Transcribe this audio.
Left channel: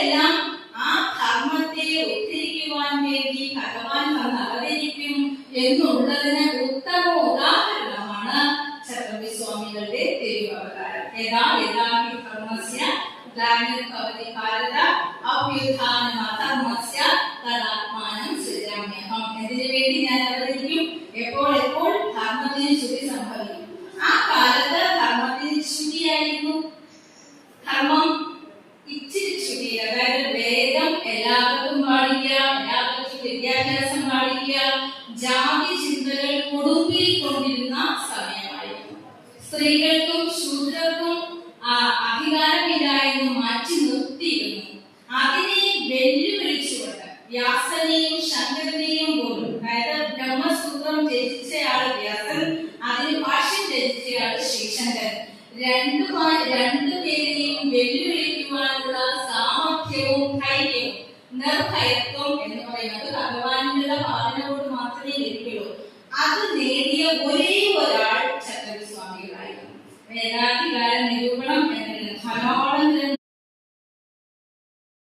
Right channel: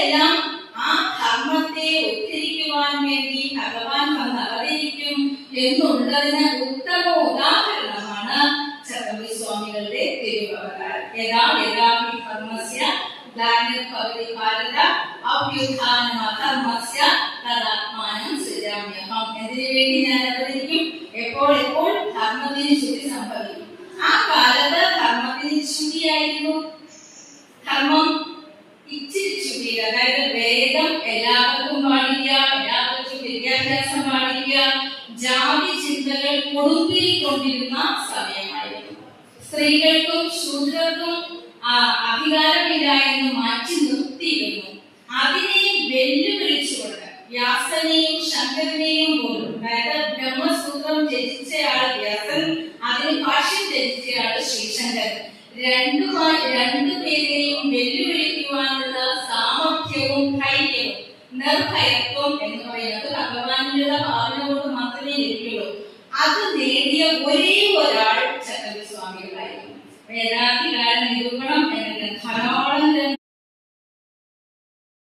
എപ്പോഴെല്ലാം ആ ധർമ്മത്തെ ഉദ്ധരിക്കുവാൻ വേണ്ടി ഭഗവാൻ വന്ന് അവതരിക്കും എന്നുള്ളതിന് ഉത്തമ ഉദാഹരണമാണ് ചട്ടമ്പി സ്വാമികളുടെ തിരുവവതാരം. യഥാ യഥാഹി ധർമ്മസ്യ ഗ്ലാനിർഭവതി ഭാരത അഭ്യുത്ഥാനം അധർമ്മസ്യ തദാത്മാനം സൃജാമ്യഹം. എന്തിനു വേണ്ടി ഞാൻ അവതരിക്കും? എപ്പോൾ ധർമ്മത്തിന് ചുതി സംഭവിക്കും. ആ കാലത്ത് ധർമ്മത്തിന് ചുതിയായിരുന്നു. ധർമ്മം ഇച്ചിരി ചുതി, അതായത് വേദം എല്ലാവർക്കും പാടിക്കുക, എല്ലാവർക്കും വിദ്യാഭ്യാസം പാടിക്കുക, ജാതി ചിന്തകൾ കൊടുമ്പിരിക്കൊണ്ടിരുന്ന സമയമായിരുന്നു. സ്ത്രീകൾക്കും ശൂദ്രർക്കും അധികാരമില്ല എന്ന് മാറ്റി നിർത്തിയിരുന്നു. അതിനെ വെല്ലുവിളിച്ചുകൊണ്ട് വ്യാസനെയും ശങ്കരനെയും പോലും, അതായത് ബ്രഹ്മസൂത്രം രചിച്ചയാൾ വ്യാസൻ, അതിന് ഭാഷ്യം രചിച്ചയാൾ ശ്രീശങ്കരൻ, രണ്ടുപേരെയും വെല്ലുവിളിക്കുവാനുള്ള സാമർഥ്യവും ധൈര്യവും നിർഭയത്വം എന്ന് പറയുന്നത് ഭഗവാനുള്ള ഭാവന കൊണ്ട് മാത്രമേ ലഭിക്കുള്ളൂ. അത് നേടിയ ഒരേ ഒരാൾ ചട്ടമ്പി സ്വാമികളായിരുന്നു. വേദാധികാര നിരൂപണം എന്ന ധാരാളം